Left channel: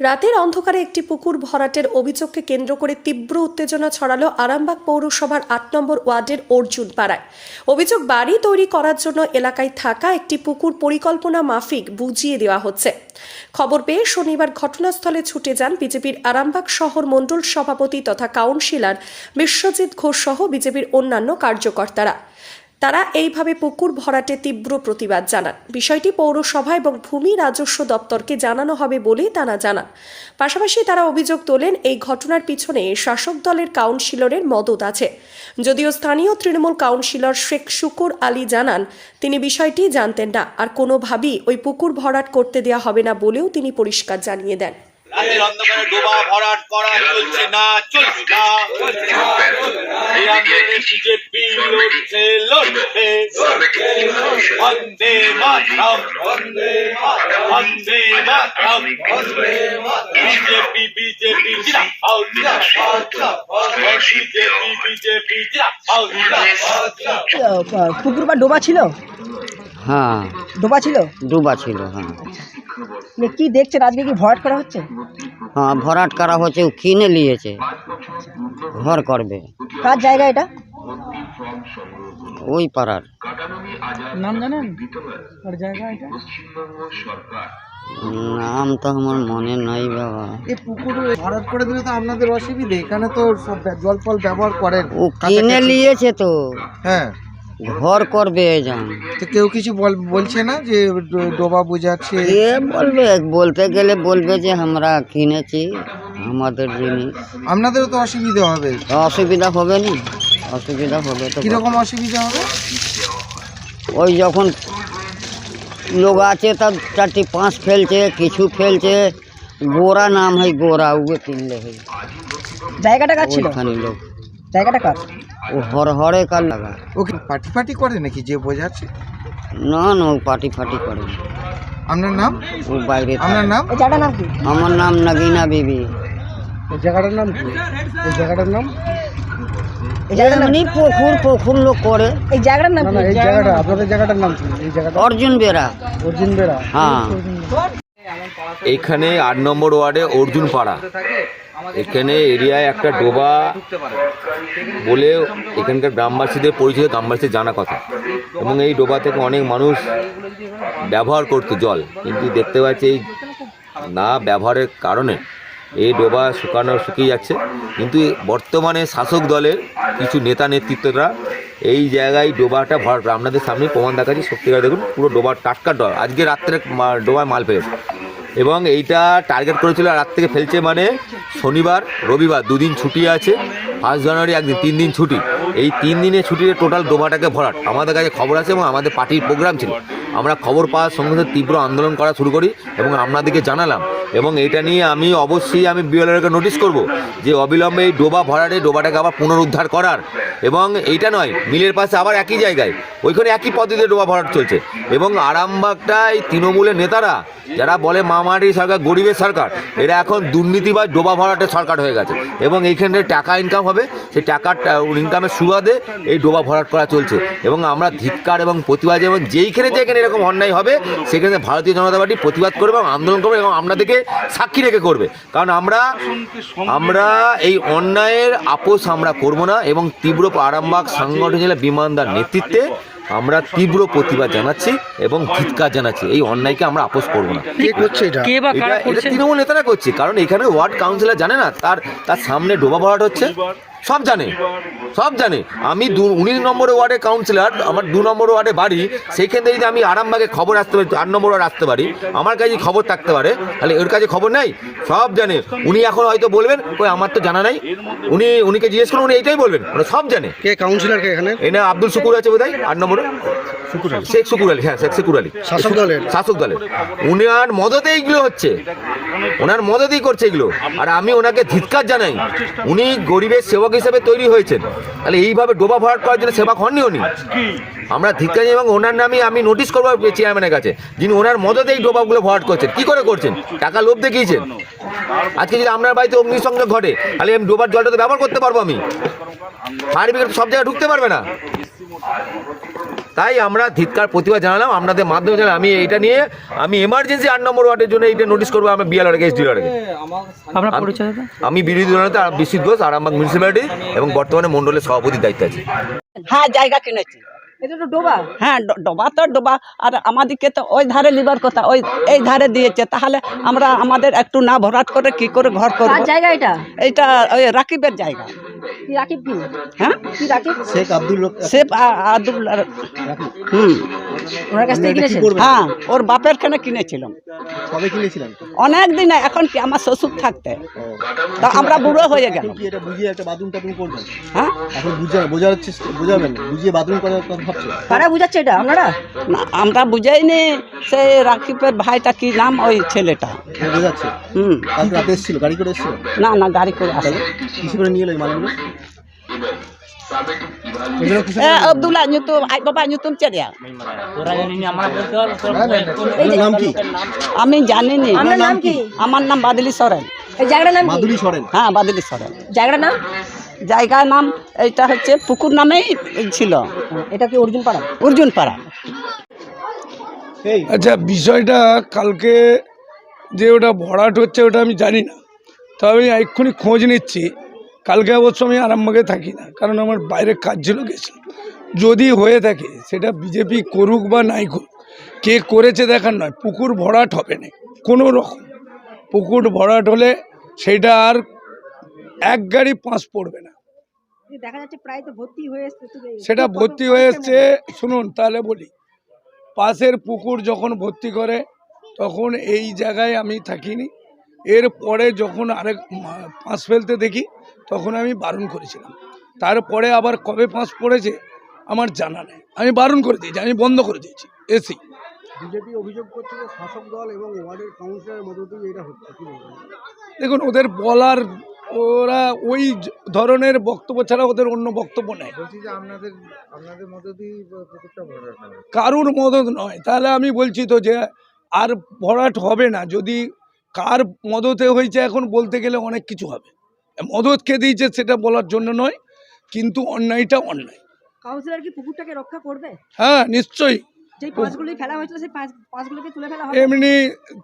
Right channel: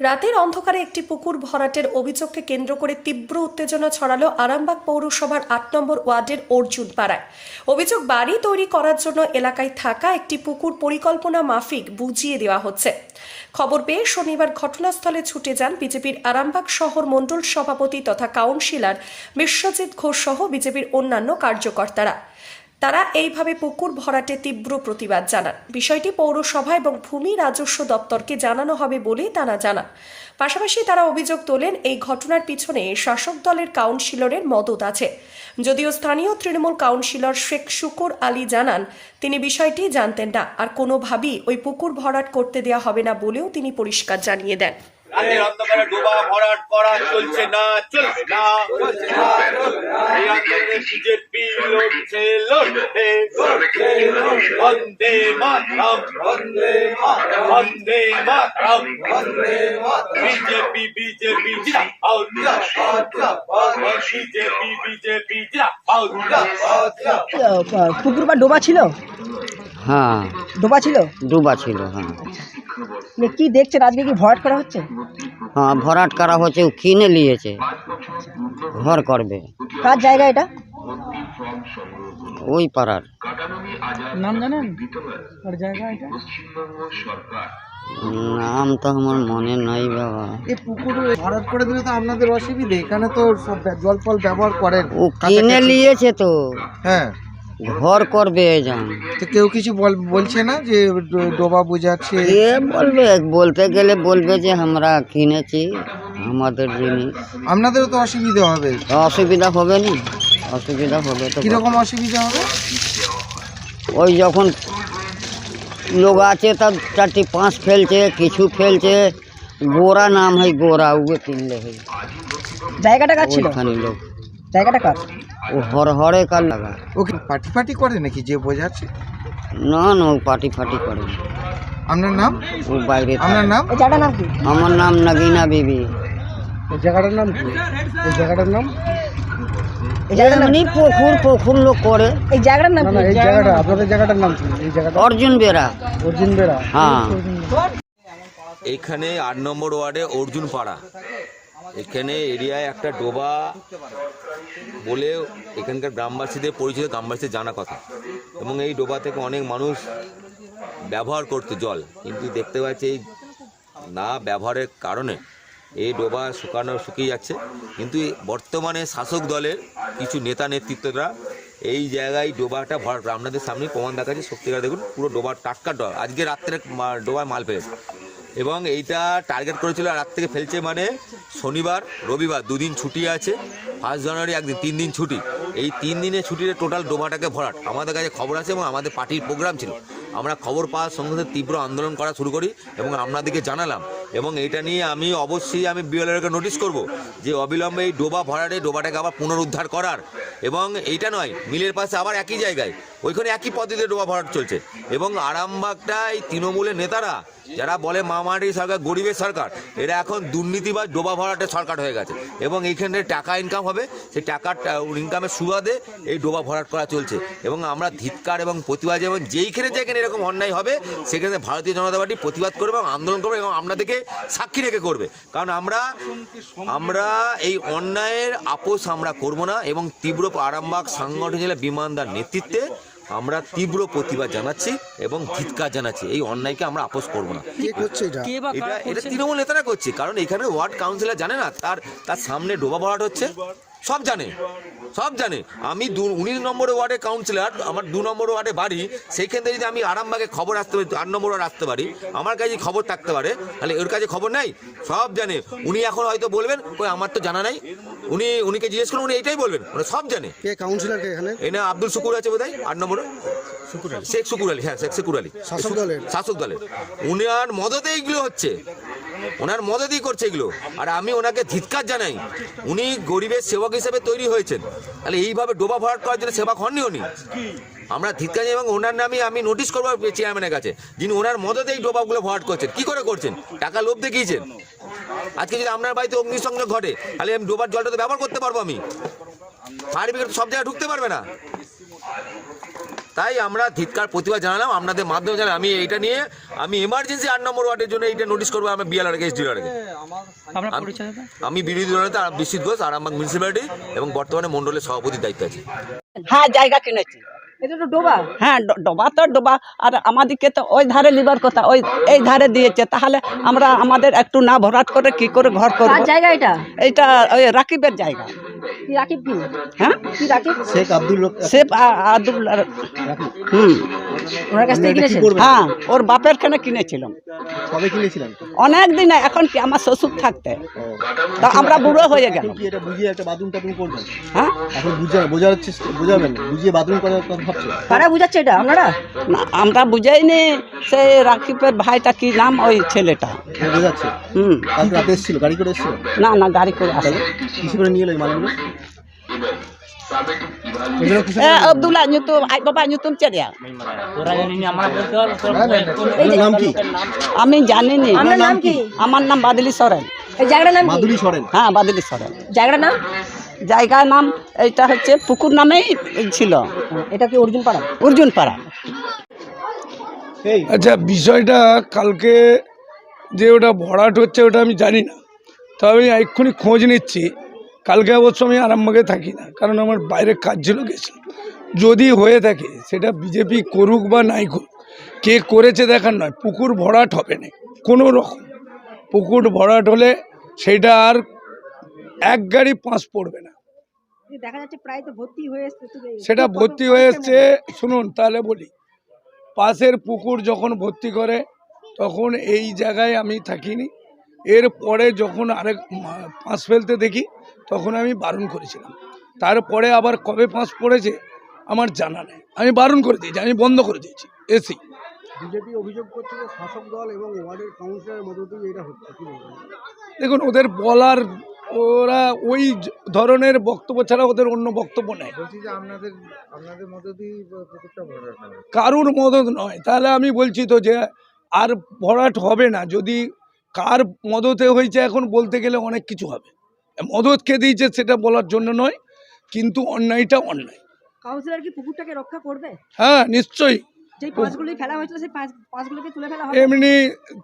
রাতের অন্ধকারে একটি পুকুর ভরাটের অভিযোগকে কেন্দ্র করে তীব্র উত্তেজনা ছড়ালো আরামবাগ পৌরসভার আট নম্বর ওয়ার্ডের অর্জুন পাড়ায়। অভিযোগ বাড়ি তৈরি করার জন্য এলাকায় থাকা একটি পুকুর পরিকল্পনা মাফিক বুঝিয়ে দেওয়া হচ্ছে। খবর পেয়ে শনিবার ঘটনাস্থলে ছুটে যান বিজেপির আরামবাগ শহর মণ্ডল সভাপতি তথা কাউন্সিলর বিশ্বজিৎ ঘোষ সহ বিজেপির অন্যান্য কার্যকর্তারা। তারা এইভাবে পুকুর ভরাটে তীব্র প্রতিবাদ জানান। বিষয়টি পৌরসভা এবং ভূমি রাজস্ব দপ্তরকে জানানো হবে বলে তারা জানান। পাশাপাশি তারা অভিযোগ তোলেন, এই ঘটনার পিছনে শাসক দলের কাউন্সিলরের মদত আছে। যদিও স্থানীয় তৃণমূল কাউন্সিলর শেখ শুকুর আলী জানান, তিনি বিষয়টি জানতেন না। আর কোনোভাবেই ওই পুকুর ভরাট করতে দেওয়া হবে না বলেও তিনি পরিষ্কার জানিয়ে দেন। রাতের অন্ধকারে ডোবা ভরাট করা চলছে না চলছে না। এই আন্দোলনে বিজেপি লড়ছে লড়ছে বন্দে মাতরম বন্দে বন্দে মাতরম। বিজেপি বিজেপি জিন্দাবাদ বিজেপি বিজেপি জিন্দাবাদ পুকুর বা ডোবা ছিল? হ্যাঁ। ডোবা ছিল? ডোবা ছিল হ্যাঁ। কি দেখছেন? আজকে কি ভরাট করা হচ্ছে? হ্যাঁ ভরাট করা হচ্ছে ও কিনে নিয়েছে। ঘর করবে। কার জায়গা এটা? ওই পাড়ার। নাম জানেন? কার জায়গা এটা? নাম তো আমার মনে নাই বাবা। এই পুকুর ভরাট করে দিলে তো আপনাদের অসুবিধে। এখানে তো সব জল ফল ব্যবহার করেন। ও কিনে নিয়েছে তো। হ্যাঁ। ঘর করবে যান তো কেউ কিছু বল- বলছে না যে ডোবা বোঝাচ্ছে? কে বলবে বলতে গেলে বলবে যে আমরা কিনেছি আমাদের জিনিস। আপনাদেরও তো অসুবিধা হবে। অসুবিধা হবে না? অসুবিধা হবে তো কীরকম অসুবিধা হবে? ওই যখন লোক আছে তার চারটি পাঁচ ফেলছে কিছু ফেলছে। গোরা নাম হয় গোরা উগে কিনলে হয়। জায়গাটা কার ছিল? লোক। জায়গাটা কার? ও হর হরে কার লাগা। ওকে পার্টি ফাটি করে নাকি? যে বোঝাচ্ছে। না না ও পার্টি ফাটি করে না। আপনার নাম? ও বাইরে থাকে। আপনার নাম? জায়গাটার নাম কি? আমার নাম নাগিনা বিবি। এই জায়গাটার নাম কি? এই জায়গাটার নাম এমনি পুকুর পুকুর লোক করে। এই জায়গাটা আপনাদের জায়গাটার নাম কি? এই জায়গাটা? অর্জুন বেরা অর্জুন বেড়া। হ্যাঁ। এইখানে আট নম্বর ওয়ার্ডে অর্জুন পাড়া। এখানে এরিয়ায় একটা ডোবা বলে এখানকার গ্রামবাসীদের পরিচিত গ্রামবাসীদের জানা কথা। এবং এই ডোবা থেকে অনেক মানুষ ব্যবহার করতো জল। কিন্তু দেখতে পাচ্ছি এই না ব্যবহারের কারণে এই ডোবা শুকানো শুকিয়ে যাচ্ছে। কিন্তু বর্তমানে শাসক দলের কিছু নেতা নেতৃত্বরা এই জায়গায় ডোবাটা ভরাট করে। আপনাদের সামনে প্রমাণ দেখাচ্ছি। সত্যিকার দেখুন পুরো ডোবার টাটকা ডোবা। আজকে রাত্রে ডোবায় মাল ফেলেছে। এবং এইটা টার্গেট করেছিল রাত থেকে ফেলছে মানে শনিবার, রবিবার দুদিন ছুটি আছে। ফার্স্ট জানুয়ারি একদিন, তিন দিন ছুটি। এই তিন দিনের ছুটিতে টোটাল ডোবাটাকে ভরাট। আমাদের কাছে খবর আছে এবং আমাদের পার্টির প্রোগ্রাম ছিল। আমরা খবর পাওয়ার সঙ্গে সঙ্গে তীব্র আন্দোলন করা শুরু করি এবং আপনাদেরকে জানালাম। এবং এটা নিয়ে আমি অবশ্যই আমি বিএলআরকে নোটিশ করব যে অবিলম্বে এই ডোবা ভরাটে, ডোবাটাকে আবার পুনরুদ্ধার করার। এবং এইটা নয়, মিলের পাশে আবার একই জায়গায়, ওইখানে একই পদ্ধতিতে ডোবা ভরাট চলছে। এবং আরামবাগটা এই তৃণমূলের নেতারা, যারা বলে মামারি সরকার, গরিবের সরকার, এরা এখন দুর্নীতি বা ডোবা ভরাটের সরকার হয়ে গেছে। এবং এইখানে টাকা ইনকাম হবে, সেই টাকার ইনকামের সুবাদে এই ডোবা ভরাট করা চলছে। এবং আমরা ধিক্কার এবং প্রতিবাদ এবং যেইখানে যেখানে এরকম অন্যায় হবে সেখানে ভারতীয় জনতা পার্টি প্রতিবাদ করবে এবং আন্দোলন করবে এবং আপনাদেরকে সাক্ষী রেখে করবে। কারণ আমরা আমরা এই অন্যায়ের আপোষ আমরা করব না এবং তীব্র আরামবাগ সাংগঠনিক জেলা বিমানদার নেতৃত্বে আমরা তীব্র প্রতিবাদ জানাচ্ছি এবং ধিক্কার জানাচ্ছি। এই অন্যায়কে আমরা আপোষ করব না। তৃণমূল নেতারা করছে। কারণ এখানে ওয়ার্ড কাউন্সিলর জানে না তার তার সামনে ডোবা ভরাট হচ্ছে। সব জানে সব জানে। আমি দু উনিশ নম্বর ওয়ার্ডে কাউন্সিলর আমার দু নম্বর ওয়ার্ডে বাড়ি সেইখান থেকে যদি আমি আরামবাগে খবর আসতে পারি আট নম্বর ওয়ার্ড আসতে পারি আমার কাছে খবর থাকতে পারে তাহলে ওর কাছে খবর নাই সব জানে। উনি এখন হয়তো বলবেন কই আমার তো জানা নাই। উনি উনিকে জিজ্ঞেস করুন উনি এইটাই বলবেন মানে সব জানে। কে কাউন্সিলর কে এখানে? এই না আব্দুল শুকুর আছে বোধহয় আট নম্বরে শেখ শুকুর আলী হ্যাঁ শেখ শুকুর আলী। শাসক দলের? শাসক দলের। উনার মদতে এইগুলো হচ্ছে। ওনার মদতেই করছে এগুলো। আর আমি ওনাকে ধিৎকার জানাই, উনি গরিবের সেবক হিসেবে তৈরি হয়েছেন। তাহলে এইভাবে ডোবা ভরাট করার জন্য সেবক হননি উনি? আমরা ধিৎকার এবং ওনার নামে আমি নোটিশ করব চেয়ারম্যানের কাছে, যিনি ওনার মদতে এই ডোবাগুলো ভরাট করছেন। কি করে করছেন? টাকা লোভ দেখিয়েছেন। আজকে যদি আপনার বাড়িতে অগ্নিসংযোগ ঘটে, তাহলে আমি ডোবার জলটা তো ব্যবহার করতে পারব আমি। ফায়ার ব্রিগেড সব জায়গায় ঢুকতে পারবে না। তাই আমরা ধিৎকার প্রতিবাদ জানালাম। আপনাদের মাধ্যমে জানালাম। আমি এইটা নিয়ে আমি এমার্জেন্সি আট নম্বর ওয়ার্ডের জন্য এইটা নোটিশ করব। আমি বিএলআর এস ডিলার আপনার আমি বিরোধী দলনেতা বিশ্বজিৎ ঘোষ আরামবাগ মিউনিসিপ্যালিটি এবং বর্তমানে মন্ডলের সভাপতির দায়িত্ব আছে। হ্যাঁ জায়গা কিনেছি। হ্যাঁ ড- ডোবা তো ডোবা। আর আমাদেরকে তো ওই ধারে লিবার কথা ওই এই ধারে দিয়েছে। তাহলে আমরা আমাদের একটু না ভরাট করে কি করে ঘর করব? কার জায়গা এটা? এইটা ওই রাকিবের জায়গা। রাকিব কি? হ্যাঁ? কি রাকিব? শেখ আব্দুল শেখ আব্দুল হুম। ওনার কাছ থেকে কিনেছেন হ্যাঁ ওর বাপের খানে কিনেছিলাম। কবে কিনেছিলেন? অনেক দিন এখন কি আমার শ্বশুর থাকতে। তা আমরা বুড়ো হয়ে গেল কি এটা বুঝিয়ে একটা বাথরুম টাথরুম করবেন? হ্যাঁ? এখন বুঝা বোঝাবেন বুঝিয়ে বাথরুম করার কথা ভাবছেন? কারা বুঝাচ্ছে এটা আপনারা? না আমরা বুঝাইনি সেই রাকিবের ভাইটা কি নাম ওই ছেলেটা। বোঝাচ্ছে। হুম। কালকে রাতে এসেছিল গাড়ি করে এসেছিল? না না গাড়ি করে আসে কিসে করে নিয়ে এলো এই মালগুলো? আব্দুল্লাহ nyutum আই বাবা নাম কি আমি জানি নি আমার নাম বাদলি সরেন এই জায়গাটার নাম কি মাদুরি সরেন হ্যাঁ বাদলি সরেন জায়গাটার নাম জায়গার নাম এইটা হচ্ছে পুকুর নামেই ছিল। এটা কি অর্জুন পাড়া? অর্জুন পাড়া। এই। আচ্ছা বিষয়টা কালকে যে ওটা ভরাট হচ্ছে ওটা আমি জানি না। তো আমি এক্ষুনি খোঁজ নিচ্ছি। কালকে অবশ্য আমি আরামবাগে থাকি না কারণ আমার বাইরে কাজ ছিল গেছি যদি হয়ে থাকে সেটা বিজেপি করুক বা নাই করুক কে করেছে দেখার নয় পুকুর ভরাট হবে না কোনো রকম। পুকুর ভরাট হলে সেটা আর এক গাড়ি পাঁচ পড়বে না। প্রায় তো ভর্তি সেটা ভর্তি হয়ে এসছে শুনুন তাহলে বলি। পাশের পুকুর যখন ভর্তি করে তখন এই জায়গায় আমি থাকিনি। এর পরে যখন আরেক পাঁচ ফেলতে দেখি তখন আমি বারণ করেছিলাম। তারপরে আবার কবে পাঁচ পড়েছে আমার জানা নেই। আমি বারণ করে দিয়েছি আমি বন্ধ করে দিয়েছি এসি বিজেপি অভিযোগ করছে যে শাসক দল এবং ওয়ার্ডের কাউন্সিলরের মধ্য দিয়ে এটা হচ্ছে দেখুন ওদের বলার ওরা ওই ধরনের বক্তব্য ছাড়া ওদের অন্য বক্তব্য নেই। কারুর মদত নয়। তাহলে আমি বলছি তো যে আর ভরাট হবে না। যদি কার মদতে হয়েছে এখন বলতে গেলে অনেক কিছু হবে। মদত কে দিয়েছে সেটা বলার জন্য নয় কিন্তু অন্যায়টা অন্যায়। কাউন্সিলর কি পুকুরটাকে রক্ষা করবে? হ্যাঁ নিশ্চয়ই। যে পাঁচগুলি ফেলা হয়েছিল সেই পাঁচ পাঁচগুলোকে তুলে ফেলা হবে? এমনি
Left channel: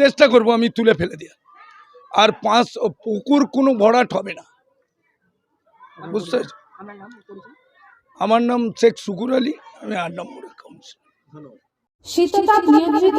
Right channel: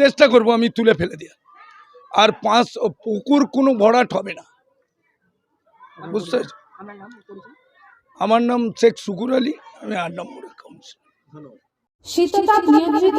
চেষ্টা করব আমি তুলে ফেলে দেওয়া আর পাঁচ পুকুর কোনো ভরাট হবে না। বুঝতে আমার নাম শেখ শুকুর আলী আমি আট নম্বরের কাউন্সিলর। শীততাপ নিয়ন্ত্রিত